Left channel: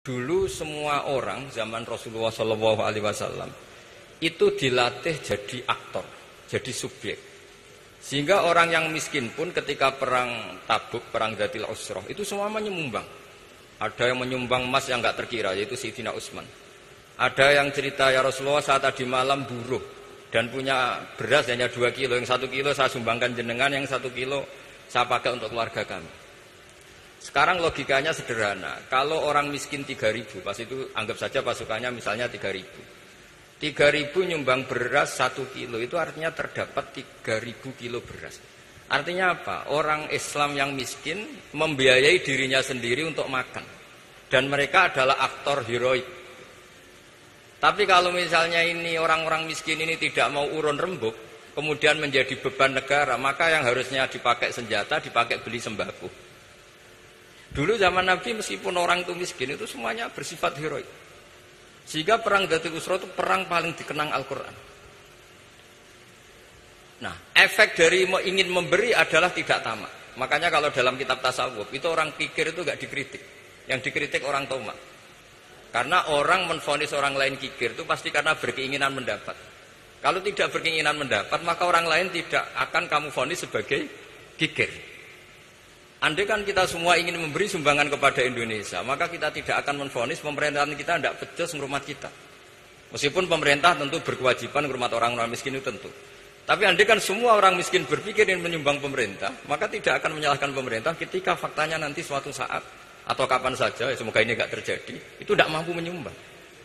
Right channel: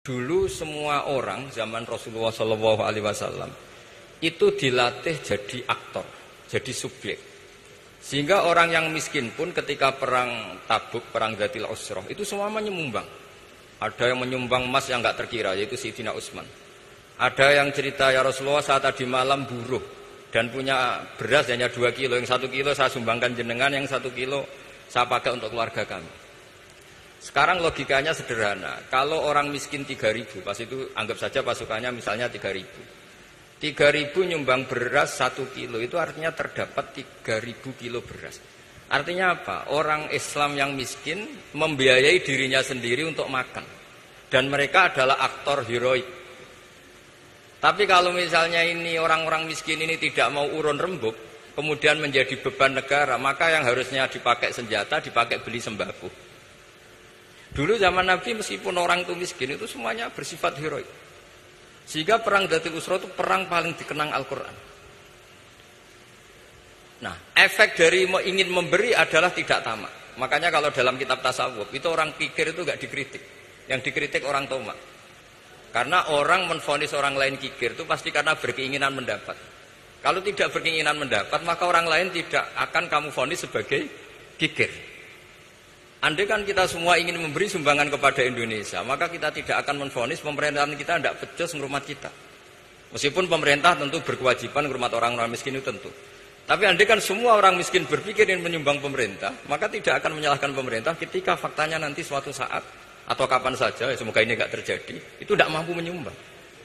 Dulu semua orang zaman Rasulullah SAW itu dilatih jadi aktor, jadi subjek. Sehingga orang yang miskin pun ketika perang Tabuk, perang Dzatil Usrah itu semua menyumbang. Ada yang menyumbang emas yang nggak terkira, yaitu Sayyidina Utsman. Ada yang cerita, ya Rasulullah saat tadi malam buruh dan punya beras hanya 2 kilo, yang 1 kilo saya sumbangkan jenengan, yang 1 kilo saya pakai untuk keluarga kami. Sekarang logikanya sederhana, kalau orang miskin 3.000, pas itu anggap saja pasukannya misalnya 3.000. 3.000 nyumbang beras 1 kilo, itu artinya terdapat 3.000 kilo beras. Artinya apa? Orang Islam yang miskin membiayai dirinya sendiri untuk makan. Dan mereka adalah aktor heroik. Tapi kalau misalnya ini orang-orang miskin ini tidak mau urun rembuk, kemudian menjadi beban negara, maka yang harusnya dipakai senjata, dipakai beli sembako. Dulu zaman Nabi meskipun orang itu miskin itu semuanya bersifat heroik. Sehingga perang Dzatil Usrah itu perang paling dikenang Al-Quran. Nah, efek dari ingin memberi adalah tidak tamak. Makanya kalau dalam kitab tasawuf itu orang pikir itu gak dikritik. Yang dikritik orang tamak. Karena orang menvonis orang lain kikir itu pasti karena berkeinginan mendapat. Kalau tidak berkeinginan mendapat, maka orang lain tidak akan kamu vonis sebagai kikir. Andai kan kita semua ingin memberi sumbangan kepada Indonesia, maka kita tidak akan menvonis pemerintahan kita tidak becus ngurmat kita. Meskipun pemerintah tentu berkewajiban ngurmat orang-orang miskin itu tentu. Tapi andai kan semua orang miskin berpikir ingin menyumbang pemerintah, maka tidak akan menyalahkan pemerintah ketika faktanya nanti suatu saat atau kapan saja, semoga ini tidak terjadi, itu tidak mampu menyumbang.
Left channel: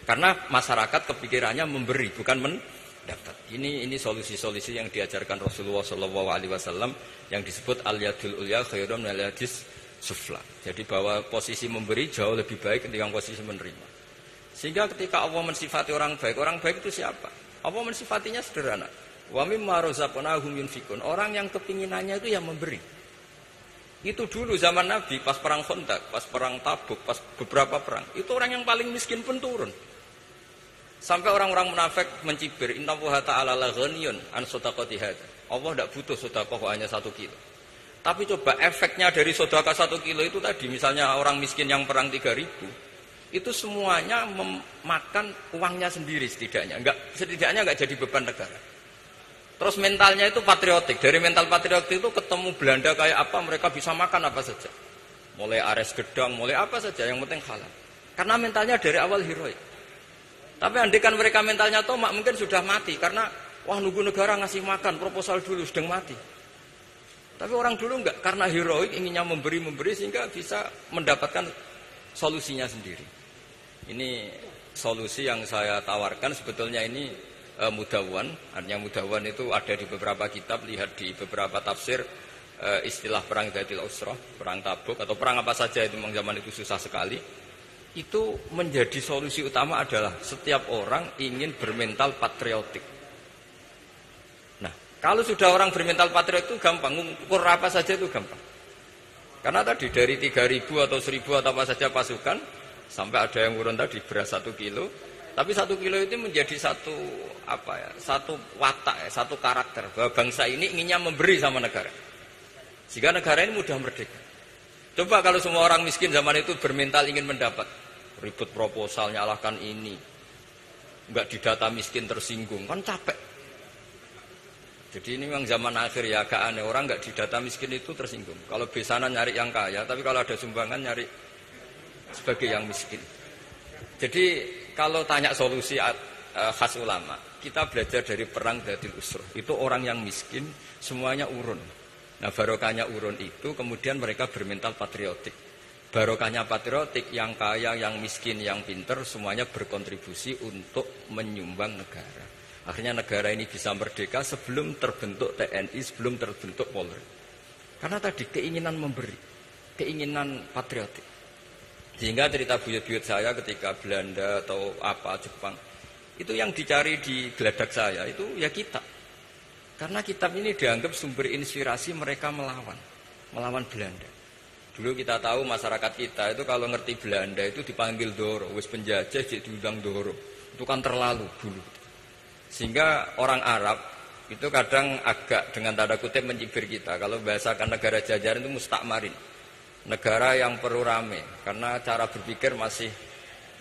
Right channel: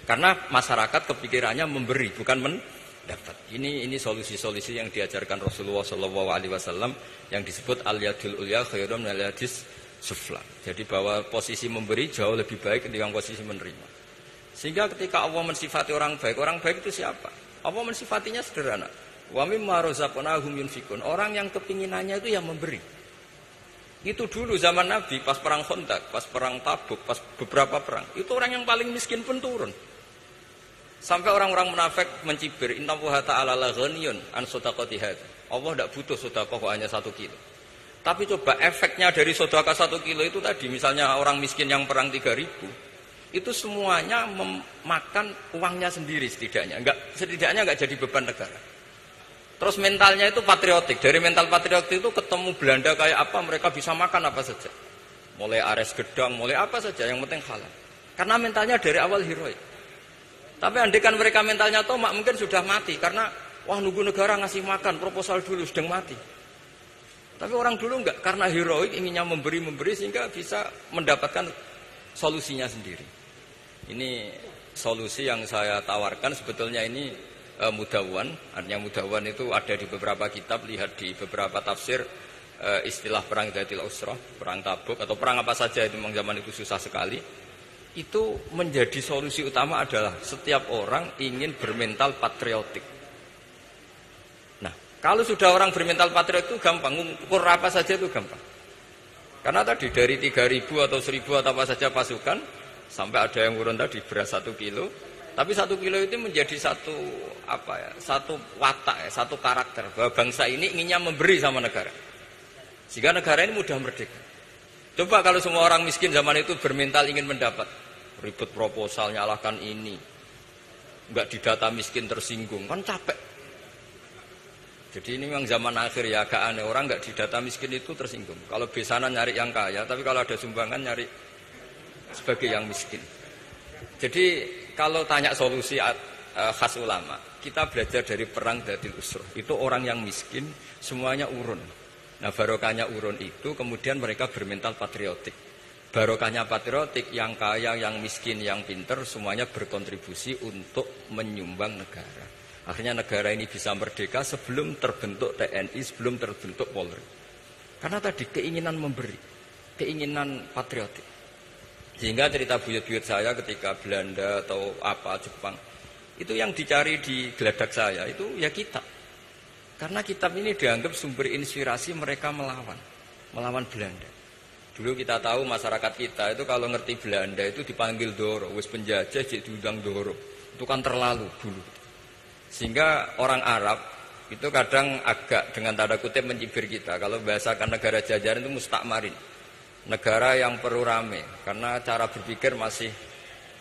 Karena masyarakat kepikirannya memberi, bukan mendapat. Ini solusi-solusi yang diajarkan Rasulullah SAW yang disebut al-yadul ulya khairun minal yadis sufla. Jadi bahwa posisi memberi jauh lebih baik ketimbang posisi menerima. Sehingga ketika Allah mensifati orang baik itu siapa? Allah mensifatinya sederhana. Wa mimma razaqnahum yunfikun. Orang yang kepinginannya itu yang memberi. Itu dulu zaman Nabi pas perang Khandaq, pas perang Tabuk, pas beberapa perang. Itu orang yang paling miskin pun turun. Sampai orang-orang munafik mencibir, innallaha ta'ala la ghaniyun an shadaqati hadza. Allah tidak butuh sedekah hanya 1 kilo. Tapi coba efeknya dari sedekah 1 kilo itu tadi, misalnya orang miskin yang perang 3.000, itu semuanya memakan uangnya sendiri setidaknya enggak jadi beban negara. Terus mentalnya itu patriotik. Dari mental patriotik itu ketemu Belanda kayak apa, mereka bisa makan apa saja. Mulai ares gedang, mulai apa saja, yang penting halal. Karena mentalnya dari awal heroik. Tapi andai kan mereka mentalnya tomak, mungkin sudah mati. Karena, wah nunggu negara ngasih makan, proposal dulu, sedang mati. Tapi orang dulu enggak, karena heroik inginnya memberi sehingga bisa mendapatkan solusinya sendiri. Ini solusi yang saya tawarkan, sebetulnya ini mudawwan. Artinya mudawwan itu ada di beberapa kitab, lihat di beberapa tafsir istilah perang Dzatil Usrah, perang Tabuk atau perang apa saja itu memang zaman itu susah sekali. Itu menjadi solusi utama adalah setiap orang ingin bermental patriotik. Nah, kalau sudah orang bermental patriotik itu gampang, ukur apa saja itu gampang. Karena tadi dari 3.000 atau 1.000 atau apa saja pasukan, sampai ada yang urun tadi beras 1 kilo. Tapi 1 kilo itu menjadi satu watak, satu karakter bahwa bangsa ini inginnya memberi sama negara. Sehingga negara ini mudah merdeka. Coba kalau semua orang miskin zaman itu bermental ingin mendapat, ribut proposal, nyalahkan ini, enggak didata miskin tersinggung, kan capek. Jadi ini memang zaman akhir ya, agak aneh, orang enggak didata miskin itu tersinggung. Kalau besanan nyari yang kaya, tapi kalau ada sumbangan nyari sebagai yang miskin. Jadi kalau tanya solusi khas ulama, kita belajar dari perang Dzatil Usrah. Itu orang yang miskin semuanya urun. Nah, barokahnya urun itu kemudian mereka bermental patriotik. Barokahnya patriotik, yang kaya, yang miskin, yang pinter semuanya berkontribusi untuk menyumbang negara. Akhirnya negara ini bisa merdeka sebelum terbentuk TNI, sebelum terbentuk Polri. Karena tadi keinginan memberi, keinginan patriotik. Sehingga cerita buyut-buyut saya ketika Belanda atau apa Jepang, itu yang dicari di geladak saya itu ya kitab. Karena kitab ini dianggap sumber inspirasi mereka melawan Belanda. Dulu kita tahu masyarakat kita itu kalau ngerti Belanda itu dipanggil Doro, wis penjajah jadi diundang Doro. Itu kan terlalu dulu. Sehingga orang Arab itu kadang agak dengan tanda kutip mencibir kita. Kalau bahasakan negara jajahan itu mustakmarin. Negara yang perlu rame, karena cara berpikir masih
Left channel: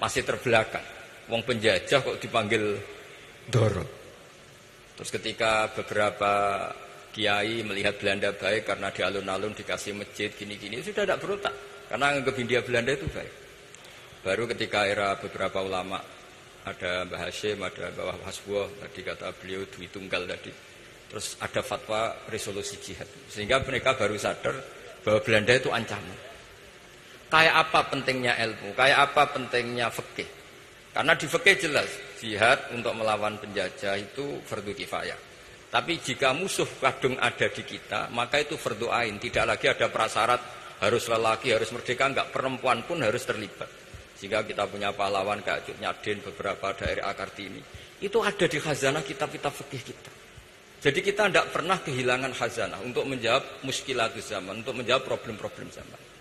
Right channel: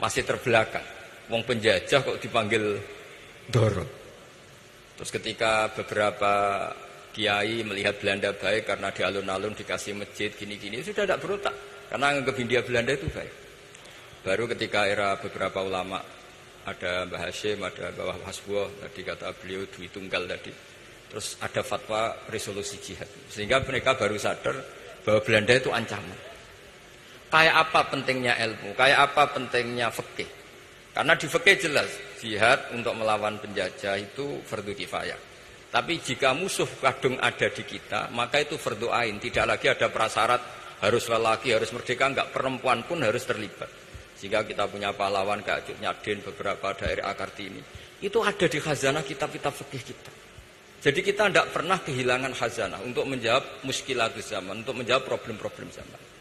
masih terbelakang. Wong penjajah kok dipanggil Doro. Terus ketika beberapa kiai melihat Belanda baik karena di alun-alun dikasih masjid gini-gini, sudah tidak berotak karena anggap Hindia Belanda itu baik. Baru ketika era beberapa ulama, ada Mbah Hashim, ada Mbah Hasbuh, tadi kata beliau Dwi Tunggal tadi. Terus ada fatwa resolusi jihad. Sehingga mereka baru sadar bahwa Belanda itu ancaman. Kayak apa pentingnya ilmu, kayak apa pentingnya fikih. Karena di fikih jelas, jihad untuk melawan penjajah itu fardu kifayah. Tapi jika musuh kadung ada di kita, maka itu fardu ain. Tidak lagi ada prasyarat harus lelaki, harus merdeka, enggak, perempuan pun harus terlibat. Sehingga kita punya pahlawan kayak Cuk Nyadin, beberapa daerah Kartini. Itu ada di khazanah kitab-kitab fikih kita. Jadi kita tidak pernah kehilangan khazanah untuk menjawab muskilatus zaman, untuk menjawab problem-problem zaman.